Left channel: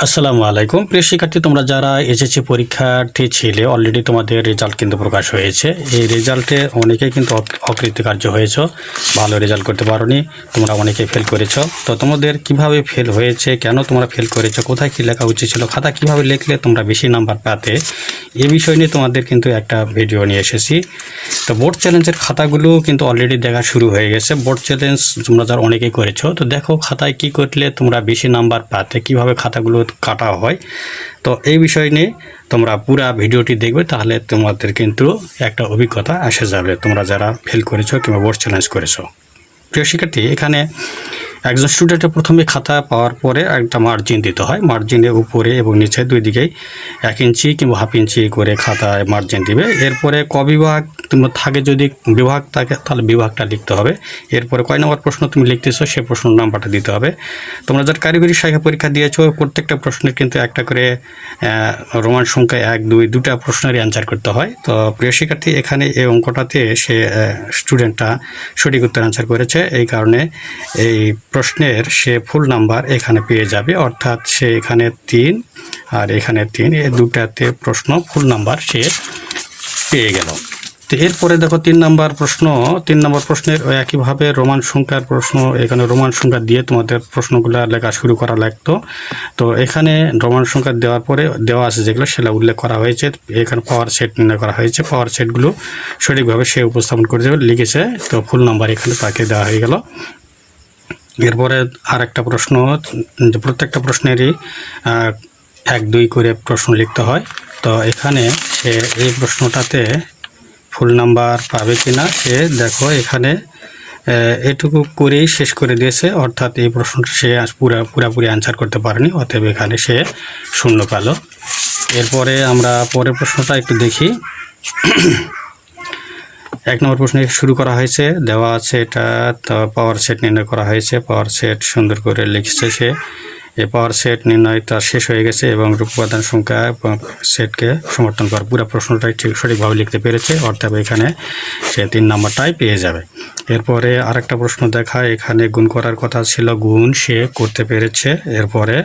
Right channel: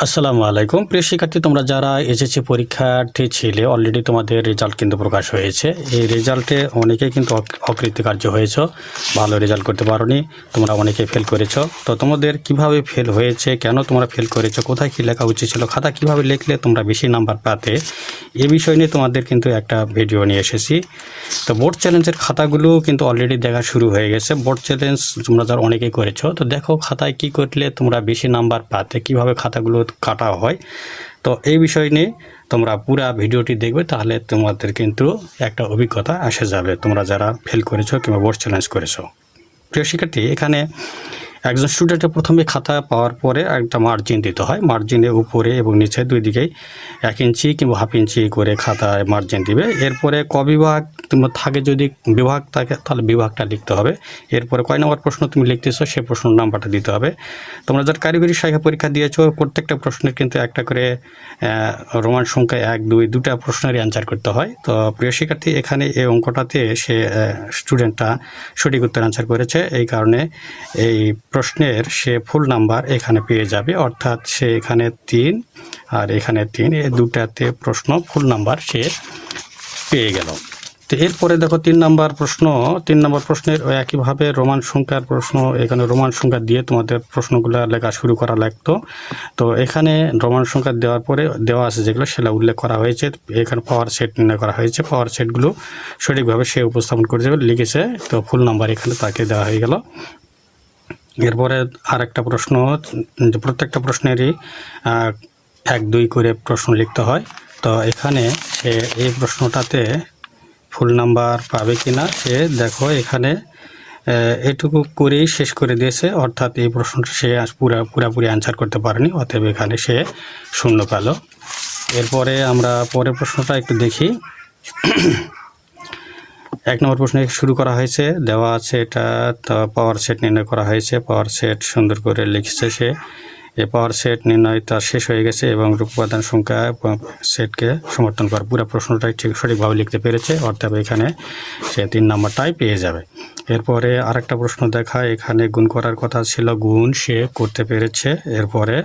আসসালামু আলাইকুম। প্রিয় শিক্ষার্থী, তোমরা যারা এসএসসি পরীক্ষার্থী ছিলে অলরেডি তোমাদের রেজাল্ট কিন্তু প্রকাশ হয়েছে। এই রেজাল্টে অনেকেই কিন্তু অক- অকৃতকার্য হয়েছ, ভালো রেজাল্ট করতে পারোনি, তোমরা অনেকে ফেল করেছ। তো তোমাদের কীভাবে ফেল হয়েছে, কেন তোমরা ফেল করেছ, কোথায় কী লেখা উচিত ছিল, খাতা কীভাবে লিখলে তোমরা বেশি নাম্বার পাতে, এ বিষয় নিয়ে তোমাদের কিন্তু একটা ভিডিও নিয়ে এসেছি। তো বোর্ড চ্যালেঞ্জের খাতাগুলো কিন্তু অলরেডি দেখা শুরু হয়ে গেছে। বোর্ড চ্যালেঞ্জ তোমরা যারা অনেকেই করেছ, তো দেখো খাতায় কি করলে তোমরা বেশি নাম্বার পাতে, কীভাবে খাতাগুলো কাটা হয়। তো এই বিষয় নিয়ে তোমরা পুরা ভিডিওটি দেখবে, তাহলে তোমাদের কিন্তু একটা অভিজ্ঞতা এসে যাবে। তোমরা যারা ফেল করেছ কিংবা বোর্ড চ্যালেঞ্জ করেছ। প্রিয় শিক্ষার্থী, এখানে একজন স্টুডেন্টের প্রথমে খাতা পাওয়ার পরে একটা মার্জিন দিতে হয়। মার্জিনের উপরে এবং নিচে দুই দিকেই এক ইঞ্চি কিংবা হাফ ইঞ্চি করে খাতায় মার্জিন দিবে। এরপরে ক বিভাগ কিংবা থাকে যদি বিভাগ থাকে, তাহলে বিভাগটা লিখতে হবে। এরপরে কয় নম্বর প্রশ্ন তুমি লিখতেছো সেই প্রশ্ন নাম্বারটা দিতে হবে। তোমরা যার কারিগরি শাখা পরীক্ষা দিয়েছ, প্রত্যেকটা প্রশ্নের কিন্তু একটা করে রোমান সংখ্যা এক, দুই দুটা প্রশ্নেরই অ্যান্সার করতে হয়। তো প্রিয় শিক্ষার্থী, এখানে এই অঙ্কটাতে সে স্টুডেন্টটা সঠিক উত্তর অ্যান্সার করেছে। এই কারণে এই প্রশ্নের সে ফুল নাম্বার এখানে পেয়ে যাবে, অর্থাৎ সে এখানে তিন আর এখানে তিন, এই দুটাতে প্রশ্ন ফুল নাম্বার সে পেয়ে গেল। তো এরপরে দেখো তিন নাম্বার প্রশ্ন, তিন নাম্বার প্রশ্নের একইভাবে রোমান সংখ্যার প্রশ্ন, এখানে রোমান সংখ্যা দিয়ে তোমাদের প্রশ্নগুলো লেখা শুরু করা লাগতো। তো এখানে রোমান সংখ্যা দেওয়ার পরে দেওয়া আছে যেগুলো সেটা উল্লেখ করা হয়েছে, এখানে পাওয়ার সেট নির্ণয় করা হয়েছে, পাওয়ার সেটগুলো সঠিকভাবে সে উপস্থাপন করে দেবে, লিখেছে, তো ফুল নাম্বার এখানে তাকে দেওয়া হয়ে গেল। এরপরে আর একটা প্রশ্ন প্রত্যেকটা প্রশ্নেরই এক, দুই করে প্রশ্ন লিখতে হয়। তো এখানে সে এই প্রশ্নটাতে ফুল নাম্বার পাবে কি না সে দেখো এখানে এটুকু করেই শেষ করে দিয়েছে, অর্থাৎ এই প্রশ্নটা সে পুরা, পুরাপুরি অ্যান্সার করতে পারেনি, অতএব এখানে সে শূন্য পেল। এরপরে আমরা পরের প্রশ্নটা একটু দেখি। এক নম্বর প্রশ্ন শুরু করা হয়েছে, দেওয়া আছে এটা পাওয়ার সেট নির্ণয় করা হয়েছে পাওয়ার সেট সুন্দর করে লিখেছে সে। এ পাওয়ার সেট নির্ণয় তার শেষ হয়ে গেছে এবং উপাদান সংখ্যা সেটকে সমর্থন করা পুরো প্রশ্নটাই ঠিক সঠিকভাবে লিখতে পেরেছে, অর্থাৎ এখানে সে তিন নম্বরটাই পেয়ে যাবে। এরপরে আরেকটা প্রশ্ন দেখা এখানে গুণ করার কথা ছিল, গুণ সে করতে পেরেছে। এরপরে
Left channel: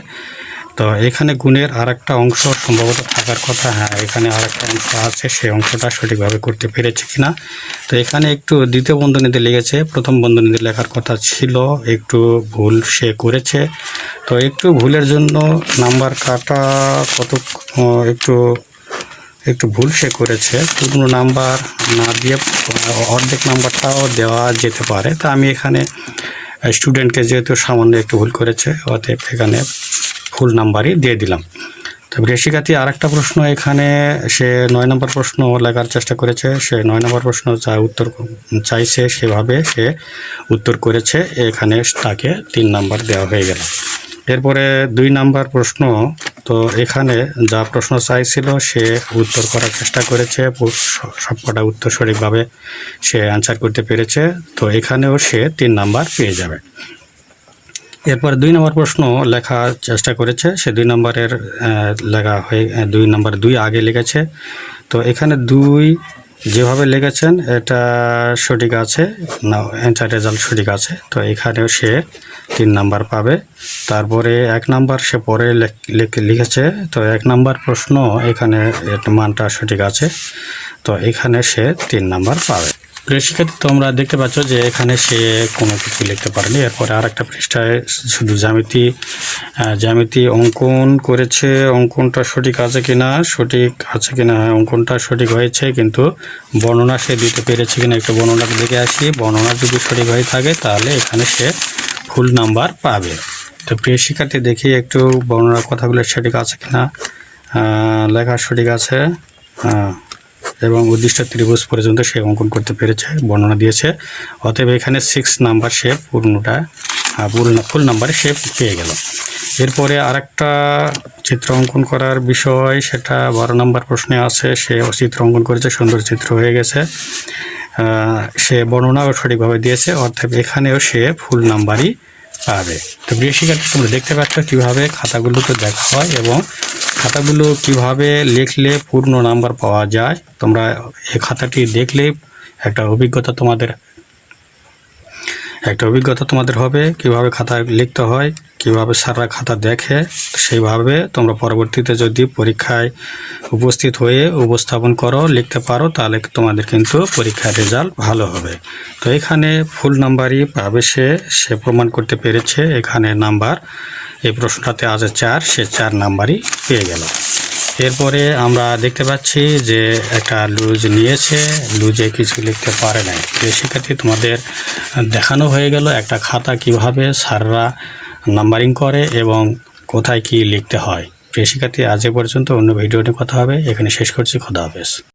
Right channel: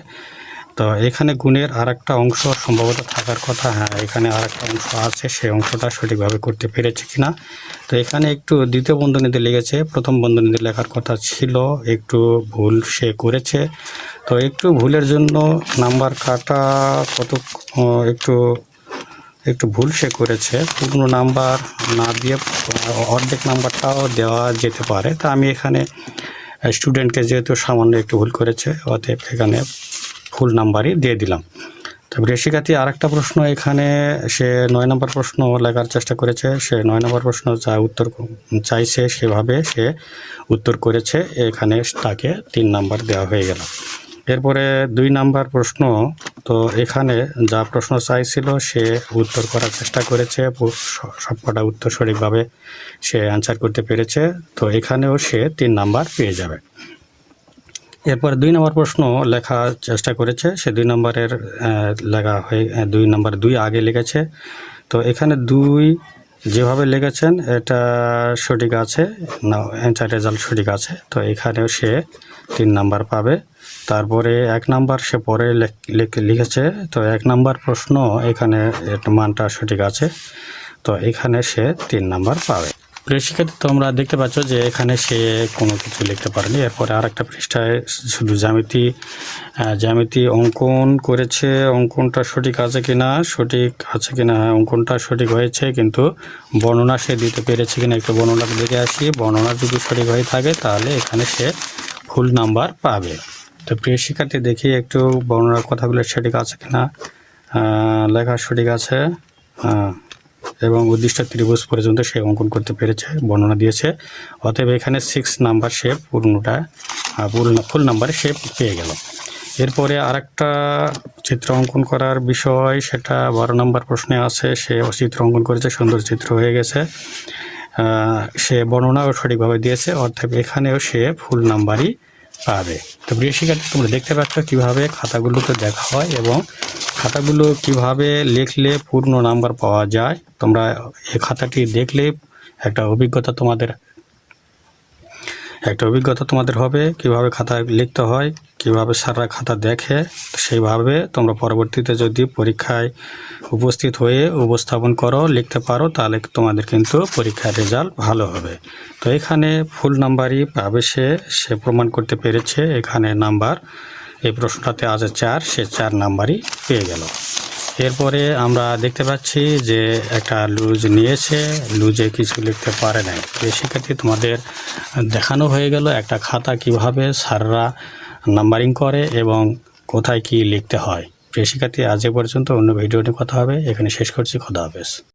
তো এখানে গুণের আর একটা অংশ সম্ভবত থাকার কথা হ্যাঁ এখানে আর একটা অংশ আছে, সেই অংশটা সঠিকভাবে করতে পেরেছে কিনা। তো এখানে একটু দ্বিতীয় বন্ধনীতে লেগেছে, প্রথম বন্ধনীতে লেখার কথা ছিল, একটু ভুল সে করেছে। তো একটু ভুলের জন্য নাম্বার কাটা কত একটু একটু ভুল সে করেছে। পূর্ণ নাম্বার না দিয়ে, অর্ধেক নাম্বারটাও দেওয়া যেতে পারে। তা আমি এখানে স্টুডেন্টকে যেহেতু সামান্য একটু ভুল করেছে, অতএব এখানে ফুল নাম্বারই দিয়ে দিলাম। তারপরে শিক্ষার্থী আর একটা প্রশ্ন, এখানে সে নয় নম্বর প্রশ্ন লেখার চেষ্টা করেছে। সে নয় নম্বর প্রশ্ন যা উত্তর চাইছে সেভাবে সে উত্তর করেছে। এখানে তাকে তিন নাম্বার দেওয়া হয়ে গেল। এরপরে দুই নাম্বার প্রশ্ন, তো এখানে যা প্রশ্ন চাইছিল সে উত্তর করার চেষ্টা করেছে। সবকটা উত্তর সঠিকভাবে সে অ্যান্সার করতে পেরেছে। তো এখানেও সে তিন নাম্বার পেয়ে যাবে। এরপর দুই নম্বর প্রশ্ন লেখার চেষ্টা করেছে। সে দুই নম্বরের লেখা হয়ে দুই নম্বর দুই আগে লিখেছে। তো এখানে দুই যেভাবে লিখেছেন, এটা সঠিক আছে, না অ্যান্সার রেজাল্ট সঠিক আছে। তো এখানেও সে তিন নাম্বার পাবে। তারপরে এক নাম্বার সে পরে লিখেছে। তো এক নাম্বার প্রশ্ন, এখানে মানটা সঠিক আছে। তো এখানে সে তিন নাম্বার পাবে। শিক্ষার্থী তোমরা দেখতে পাচ্ছ যে এখানে সে কোনো কিছু লিখতে পারেনি। এরপরে আর একটা পৃষ্ঠায় শুধু জ্যামিতি জ্যামিতি অঙ্কন করেছে। অঙ্কনটা সঠিক আছে কিনা? সঠিক আছে কিনা? হ্যাঁ অঙ্কনটা সঠিক হয়েছে, কিন্তু বর্ণনা সে দিতে পেরেছে কিনা একটু বর্ণনার দিকে আসি। বর্ণনা যদি সঠিক হয়ে থাকে, তাহলে এখানে সে ফুল নাম্বার পাবে। তো প্রিয় শিক্ষার্থী দেখি একটু বর্ণনার কথাগুলো সঠিক আছে কিনা। লেখা সঠিক আছে? হ্যাঁ। এবং উদ্দিষ্ট ত্রিভুজ পর্যন্ত সে অঙ্কন করতে পেরেছে, বর্ণনা দিয়েছে। অতএব এখানে সিক্স নাম্বার সে পূর্ণটা পূর্ণ ফুল নাম্বারে সে পেয়ে গেল। এরপরে আরেকটা চিত্র অঙ্কন করার বিষয়, সেটা বারো নম্বর প্রশ্নে আছে, সে চিত্র অঙ্কন করেছে, সুন্দর চিত্র হয়ে গেছে। সে বর্ণনাও সঠিকভাবে দিয়েছে অর্থাৎ এখানেও সে ফুল নাম্বারই পাবে। তো শিক্ষার্থী তোমরা দেখতে পাচ্ছ কীভাবে খাতাগুলোকে দেখা হয় এবং খাতাগুলো কীভাবে লিখলে পূর্ণ নাম্বার পাওয়া যায়, তোমরা এই খাতাটি দেখলে একটা অভিজ্ঞতা তোমাদের, একটা অভিজ্ঞতা তোমাদের হবে কীভাবে খাতা লিখতে হয়, কীভাবে সারা খাতা দেখে, সেইভাবে তোমরা পরবর্তীতে যদি পরীক্ষায় উপস্থিত হয়ে উপস্থাপন করো, লিখতে পারো, তাহলে তোমাদের কিন্তু পরীক্ষার রেজাল্ট ভালো হবে। তো এখানে ফুল নাম্বারই পাবে সে সে প্রমাণ করতে পেরেছে এখানে নাম্বার। এই প্রশ্নটাতে আছে চার, সে চার নাম্বারই পেয়ে গেল। এরপরে আমরা দেখতে পাচ্ছি যে একটা লুজ নিয়েছে, লুজে কিছু লিখতে পারে তো শিক্ষার্থী তোমাদের দেখানো হয়ে গেল একটা খাতা কীভাবে স্যাররা নাম্বারিং করে এবং কোথায় কি লিখতে হয়। প্রিয় শিক্ষার্থী আজ পর্যন্ত, অন্য ভিডিওতে কথা হবে। এখানে শেষ করছি। খোদা হাফেজ।